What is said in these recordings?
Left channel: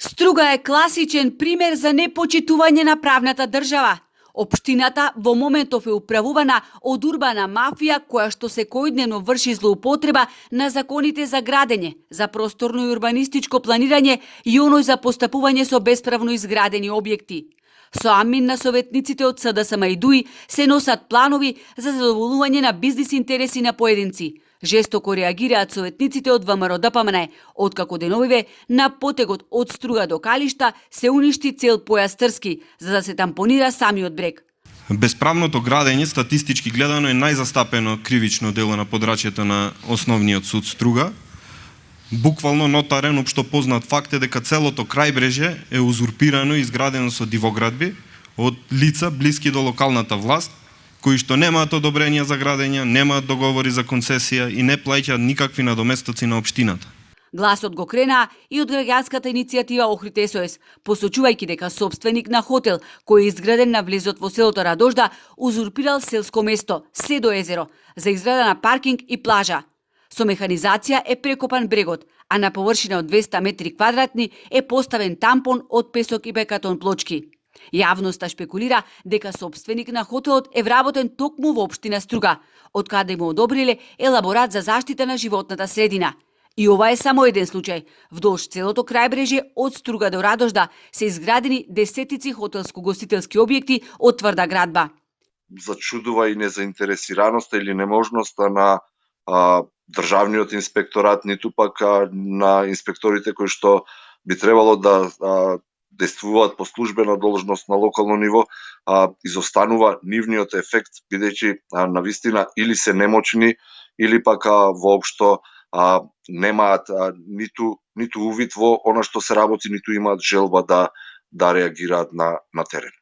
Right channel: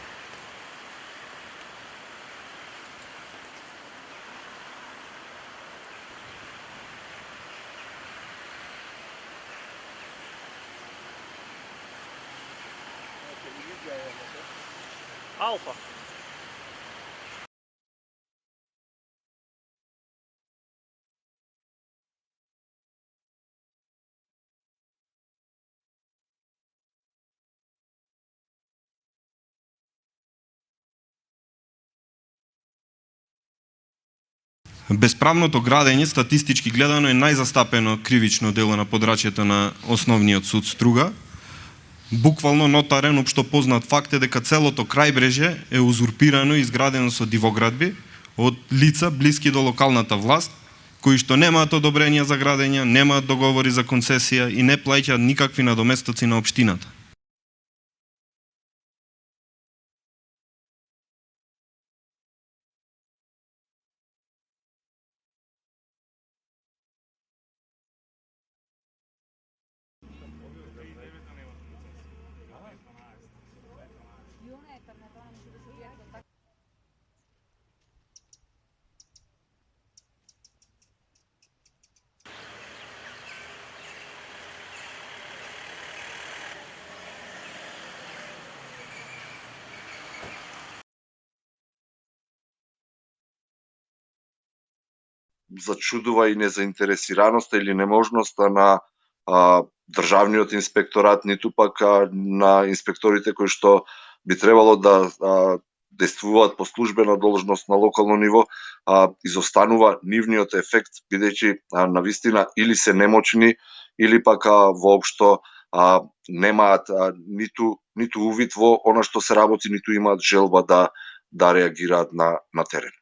Струга е класичен пример за непочитување на правната држава. Општината во моментов е управувана од урбана мафија која што секојдневно врши злоупотреба на законите за градење, за просторно и урбанистичко планирање и оној за постапување со бесправно изградени објекти. Со амин на советниците од СДСМ и ДУИ се носат планови за задоволување на бизнис интереси на поединци. Жестоко реагираат советниците од ВМРО-ДПМН, откако деновиве на потегот од Струга до Калишта се уништи цел појас Трски, за да се тампонира самиот брег. Бесправното градење статистички гледано е најзастапено кривично дело на подрачјето на основниот суд Струга. Буквално нотарен општо познат факт е дека целото крајбрежје е узурпирано и изградено со дивоградби од лица блиски до локалната власт, кои што немаат одобренија за градење, немаат договори за концесија и не плаќаат никакви надоместоци на општината. Гласот го кренаа и од граѓанската иницијатива Охрид СОС, посочувајќи дека собственик на хотел, кој е изграден на влезот во селото Радожда, узурпирал селско место, Седо езеро, за изграда на паркинг и плажа. Со механизација е прекопан брегот, а на површина од 200 метри квадратни е поставен тампон од песок и бекатон плочки. Јавноста шпекулира дека собственик на хотелот е вработен токму во општина Струга, од каде му одобриле елаборат за заштита на животната средина. И ова е само еден случај. Вдолж целото крајбрежје од Струга до Радожда се изградени десетици хотелско-гостителски објекти од тврда градба. Зачудува и незаинтересираноста или неможноста на државниот инспекторат, ниту пак на инспекторите кои што би требало да действуваат по службена должност на локално ниво, изостанува нивниот ефект, бидејќи навистина или се немочни, или пак воопшто немаат ниту увид во она што се работи, ниту имаат желба да реагираат на терен.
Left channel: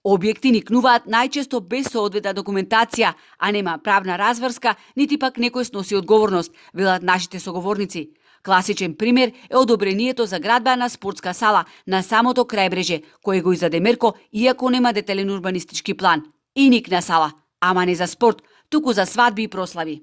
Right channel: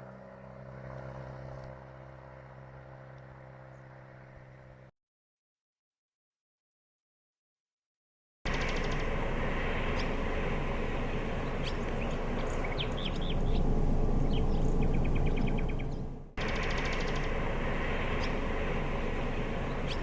Објекти никнуваат најчесто без соодветна документација, а нема правна разврска, нити пак некој сноси одговорност, велат нашите соговорници. Класичен пример е одобрението за градба на спортска сала на самото крајбрежје, кој го издаде Мерко, иако нема детелен урбанистички план. И никна сала, ама не за спорт, туку за свадби и прослави.